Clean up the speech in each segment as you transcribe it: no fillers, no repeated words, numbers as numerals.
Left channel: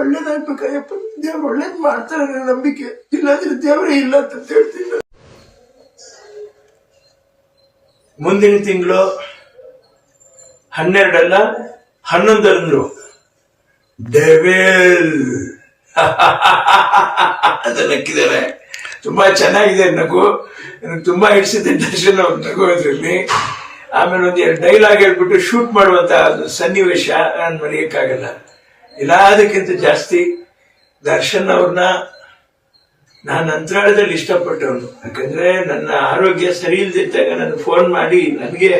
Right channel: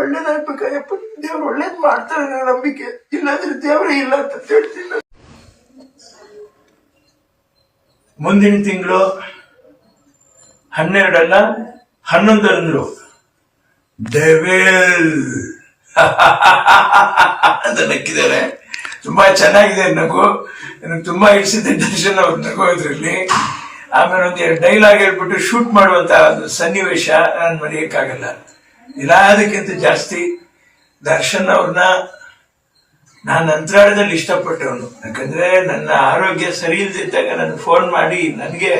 ಒಳ್ಳೇದಾಗ್ಬೇಕಯ್ಯಪ್ಪ, ದೇವ್ರು ಒಳ್ಳೇದ್ ಮಾಡ್ತಾರೆ ಅನ್ನೋ ನಂಬಿಕೆ, ಇಲ್ಲಾಂದ್ರೆ ದೇವರೇ ಇಲ್ಲ ಅಂತ ಹೇಳ್ತೀನಿ. ಮುಂದಿನ ತಿಂಗಳು 12 ಅಲ್ಲ 11 ಅಂದ್ರು ಡೆವಿಲ್ ಅಂತ ನಕ್ಕಿದ್ದಾರೆ. ತುಂಬಾ ಚೆನ್ನಾಗಿದೆ ನಗು, ನನಗೆ ತುಂಬಾ ಇಡಿಸಿದ್ದೆ ದರ್ಶನ್ ಅವ್ರು ನಗೋದ್ರಲ್ಲಿ. ಆಮೇಲೆ ಒಂದೆರಡು ಡೈಲಾಗ್ ಹೇಳ್ಬಿಟ್ಟು ಶೂಟ್ ಮಾಡುವಂತ ಸನ್ನಿವೇಶ ನಾನು ಮರೆಯಕ್ಕಾಗಲ್ಲ. ಎಲ್ಲದಕ್ಕಿಂತ ಜಾಸ್ತಿ ದರ್ಶನ್ ಅವ್ರನ್ನ ನಾನು ಅಂತರಾಳದಲ್ಲಿ ಇಷ್ಟಪಟ್ಟವನು. ಯಾಕಂದ್ರೆ ನನ್ನ ಆರೋಗ್ಯ ಸರಿ ಇಲ್ದಿದ್ದಾಗ ನನಗೆ ಫೋನ್ ಮಾಡಿ, ನನಗೆ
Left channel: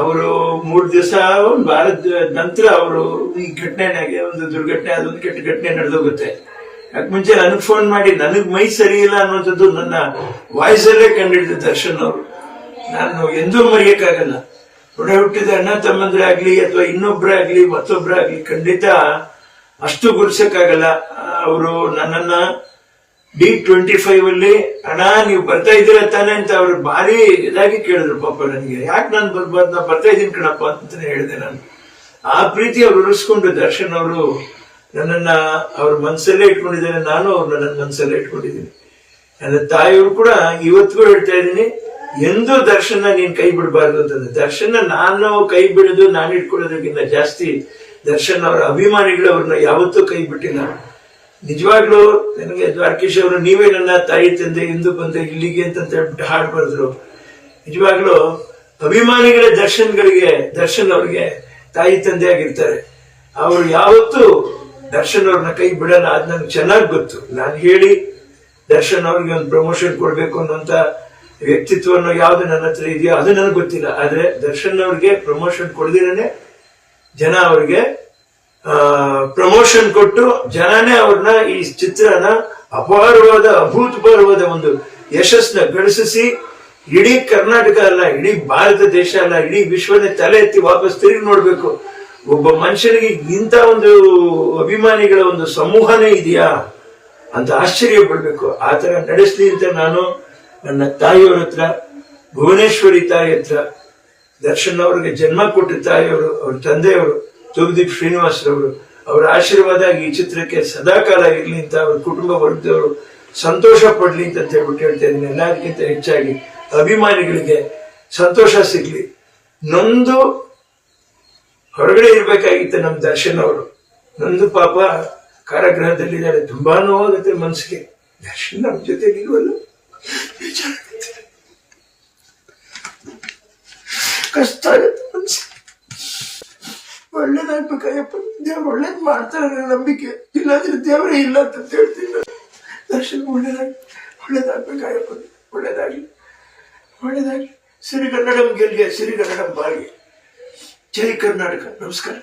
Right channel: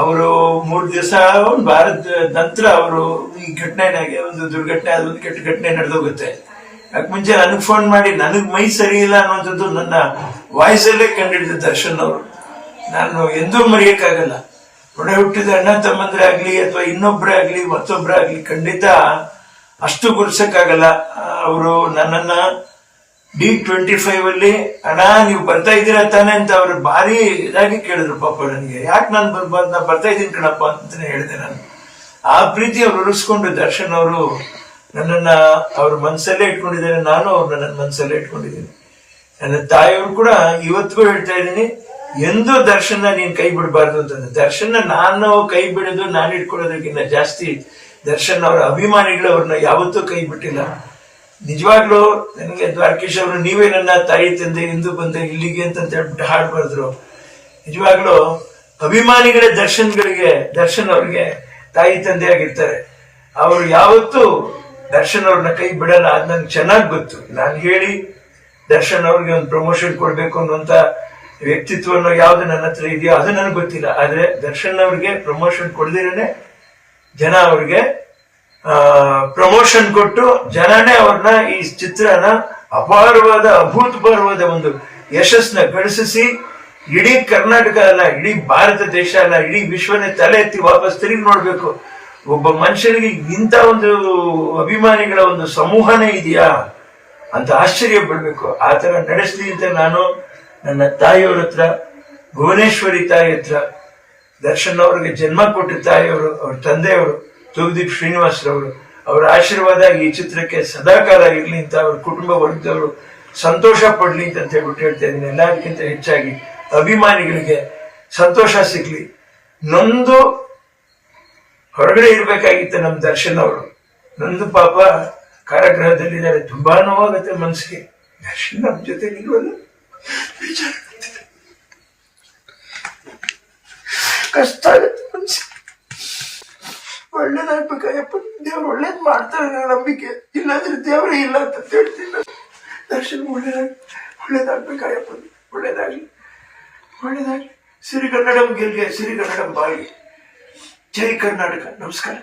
ಅವರು 3 ದಿವಸ ಒಂದು ವಾರದ ನಂತರ ಅವರು ಈ ಘಟನೆನಾಗೆ ಒಂದು ದುರ್ಘಟನೆ, ಅದೊಂದು ಕೆಟ್ಟ ಘಟನೆ ನಡೆದೋಗುತ್ತೆ. ಯಾಕೆ ಮುಂಚೆ ನನಗೆ ಫೋನ್ ಮಾಡಿ ನನಗೆ ಮೈ ಸರಿ ಇಲ್ಲ ಅನ್ನುವಂಥದ್ದು ನನ್ನ ವಾಯ್ಸಲ್ಲೇ ಕಂಡಿಡಿದ ದರ್ಶನ್ ಅವರು. ನಾನು ಎಂದೂ ಮರೆಯಕ್ಕಾಗಲ್ಲ. ಒಡ ಹುಟ್ಟಿದ ಅಣ್ಣ ತಮ್ಮಂದ್ರೆ ಆಗ್ಲಿ ಅಥವಾ ಇನ್ನೊಬ್ಬರೇ ಆಗ್ಲಿ ಮತ್ತೊಬ್ಬರೇ ಆಗ್ಲಿ ಖಂಡಿತ ಅಷ್ಟು ಗುರ್ಸಕ್ಕಾಗಲ್ಲ. ಅವರು ನನ್ನನ್ನ D25 ಅಲ್ಲಿ ಅಣ್ಣ ನೀವು ಬರ್ತಾ ಇದ್ದೀರಾ ತಾನೆ ಅಂತ ಅವ್ರು ಭಾರಿ ಇದಾಗಿ ಕೇಳಿದ್ರು. ಪಾಪ ನನಗೆ ಯಾಕೆ ನಾನು ಬರ್ಬಾರ್ದು, ನಾ ಬರ್ತಾ ಇದ್ದೀನಿ ಕಣಪ್ಪ ಅಂತಾನೆ ಹೇಳಿದೆ ನಾನು. ಆ ಪ್ರೀತಿ ಅವ್ರು ಉಳಿಸ್ಕೊಂಡು ದರ್ಶನ್ ಅವರು ನನ್ನನ್ನ ಅವ್ರ ಮನಸ್ಸಲ್ಲೇ ಇಟ್ಕೊಂಡಿದ್ದಾರೆ, ನಾನು ಅವ್ರನ್ನ ನನ್ನ ಮನಸ್ಸಲ್ಲೇ ಇಟ್ಕೊಂಡಿದ್ದೀನಿ. ನನ್ನ ತಾಯಿಯವರು ಕೂಡ ಇವತ್ತಿಗೂ ಹೇಳ್ತಾ ಇದ್ದೀನಿ, ಎಂದೂ ದರ್ಶನ ನೀನ್ ಕೈ ಬಿಡಬಾರ್ದು ಅಂತಂದ್ರೆ. ದರ್ಶನ ನಾನು ಕೈ ಬಿಡೋದು, ನಾನು ಇಟ್ಕೊಳ್ಳೋದಕ್ಕಿಂತ ಜಾಸ್ತಿ ದರ್ಶನ್ ಅವರ ಅಭಿಮಾನಿಗಳು ಅವ್ರನ್ನ ಯಾವತ್ತೂ ಕೈ ಬಿಟ್ಟಿಲ್ಲ. ನಿಜವಾಗ್ಲೂ ನನಗೆ ದ್ವಾರಕೀಶ್ ಅವರು ನೀವೇ ನನ್ನ ತಾಯಿ ತಂದೆ ಎಂದು ಬಂದೆ ಇಲ್ಲಿಗೆ ಅಂತ ಹೇಳ್ಬಿಟ್ಟು ಹಾಡು ಬರೆದ್ರು. ನಿಜವಾಗ್ಲೂ ಅಭಿಮಾನಿಗಳೇ ದರ್ಶನ್ ಅವ್ರಿಗೆ ತಾಯಿ ತಂದೆ ಆಗಿರ್ತಾರೆ. ಅವರು ಯಾವತ್ತೂ ದರ್ಶನ್ ಅವ್ರನ್ನ ಕೈ ಬಿಡಲ್ಲ. ಅದ್ ನಂಗೆ ಚೆನ್ನಾಗಿ ಗೊತ್ತು. ನಾನು ಹೇಳಿ ದರ್ಶನ್ ಅವ್ರಿಗೆ ಒಂದು ಪ್ರಮೋಷನ್ ಕೊಡ್ಬೇಕು ಅನ್ನುವಂತ ವ್ಯಕ್ತಿತ್ವವನ್ನು ಯಾವ್ದು ನನ್ನ ಹತ್ರ ಇದೆಯೋ ಅದು ನನಗೆ ಗೊತ್ತಿಲ್ಲ. ಆದ್ರೆ ದರ್ಶನ್ ಅವ್ರಿಗೆ ಪ್ರಮೋಷನ್ ಕೊಡ್ದಿರನೆ ಜನ ಅವ್ರಿಗೆ ಪ್ರಮೋಷನ್ ಕೊಟ್ಟು ಜನನೇ ಅವ್ರನ್ನ ಈ ಚಿತ್ರನ ಅಪಾರವಾದ ಅಭೂತಪೂರ್ವವಾದ ಒಂದು ಯಶಸ್ಸನ್ನ ಗಳಿಸಿ ಇಡೀ ಕರ್ನಾಟಕ ಅಲ್ಲ, ಇಡೀ ಭಾರತ ದೇಶ ಅಲ್ಲ, ಇಡೀ ವಿಶ್ವನೇ ತಲೆ ಎತ್ತಿ ವಾಪಸ್ ತಿರುಗಿ ನೋಡ್ಬೇಕು. ಒಬ್ಬ ಮನುಷ್ಯನಿಗೆ ಇಂಥ ಒಂದು ಅಭಿಮಾನಿಗಳ ಒಂದು ಸಮೂಹನೇ ಇದೆಯಾ ಅಂತ ಆಶ್ಚರ್ಯ ಪಡ್ಬೇಕು. ಆ ತರ ನಡೆಸ್ಲಿ ಅಂತ ನಾನು ನನ್ನ ತಾಯಿಯವ್ರ ಹತ್ರ, ಭುವನೇಶ್ವರಿ ತಾಯಿ ಹತ್ರ, ದರ್ಶನ್ ಅವ್ರಿಗೆ ಜನ್ಮ ಕೊಟ್ಟ ತಾಯಿಯವರು, ಅವ್ರ ತಂದೆಯವರು ತೂಗುದೀಪ್ ಶ್ರೀನಿವಾಸರವರು, ಅವರ ಆಶೀರ್ವಾದ ಈ ಚಿತ್ರಕ್ಕೆ ಸದಾಕಾಲ ಇರ್ಲಿ ಅಂತ ಅವ್ರ ಕುಟುಂಬ ವರ್ಗದವರು ಸಂತೋಷ ಪಡ್ಲಿ ಅಂತ ಹೇಳ್ಬಿಟ್ಟು ಹೇಳ್ತಾ ಇದ್ದೀನಿ. ಎಲ್ಲದಕ್ಕಿಂತ ಹೆಚ್ಚಾಗಿ ಅಭಿಮಾನಿಗಳಿಗೆ ಸಂತೋಷ ಸಿಗ್ಲಿ. ನೊಂದು ಹೊರಗಡೆ ಇರ್ಬೇಕಾಗಿತ್ತು ನಮ್ಮ ದರ್ಶನ್ ಅವರು. ನೊಂದು ಪಾಪ ಕಾರಾಗೃಹದಲ್ಲಿದ್ದಾರೆ. ತುಂಬಾ ನೋವಾಗುತ್ತೆ ಮನಸ್ಸಿಗೆ. ದರ್ಶನ್ ನಮ್ಮ ಜೊತೆ ಇಲ್ವಲ್ಲ, ಕಷ್ಟ ಆಗುತ್ತೆ ಮನಸ್ಸಿಗೆ. ಒಳ್ಳೇದಾಗ್ಬೇಕಯ್ಯಪ್ಪ, ದೇವ್ರು ಒಳ್ಳೇದ್ ಮಾಡ್ತಾರೆ ಅನ್ನೋ ನಂಬಿಕೆ, ಇಲ್ಲಾಂದ್ರೆ ದೇವರೇ ಇಲ್ಲ ಅಂತ ಹೇಳ್ತೀನಿ ನಾನು. ದರ್ಶನ್ ಒಳ್ಳೇದಾಗ್ಬೇಕಯ್ಯಪ್ಪ, ಒಳ್ಳೇದಾಗ್ಲಿ. ಸಿರಿಗನ್ನಡಂ ಗೆಲ್ಗೆ, ಸಿರಿಗನ್ನಡಂ ಬಾಳ್ಗೆ. ಜೈ ಕರ್ನಾಟಕ. ನಮಸ್ಕಾರ.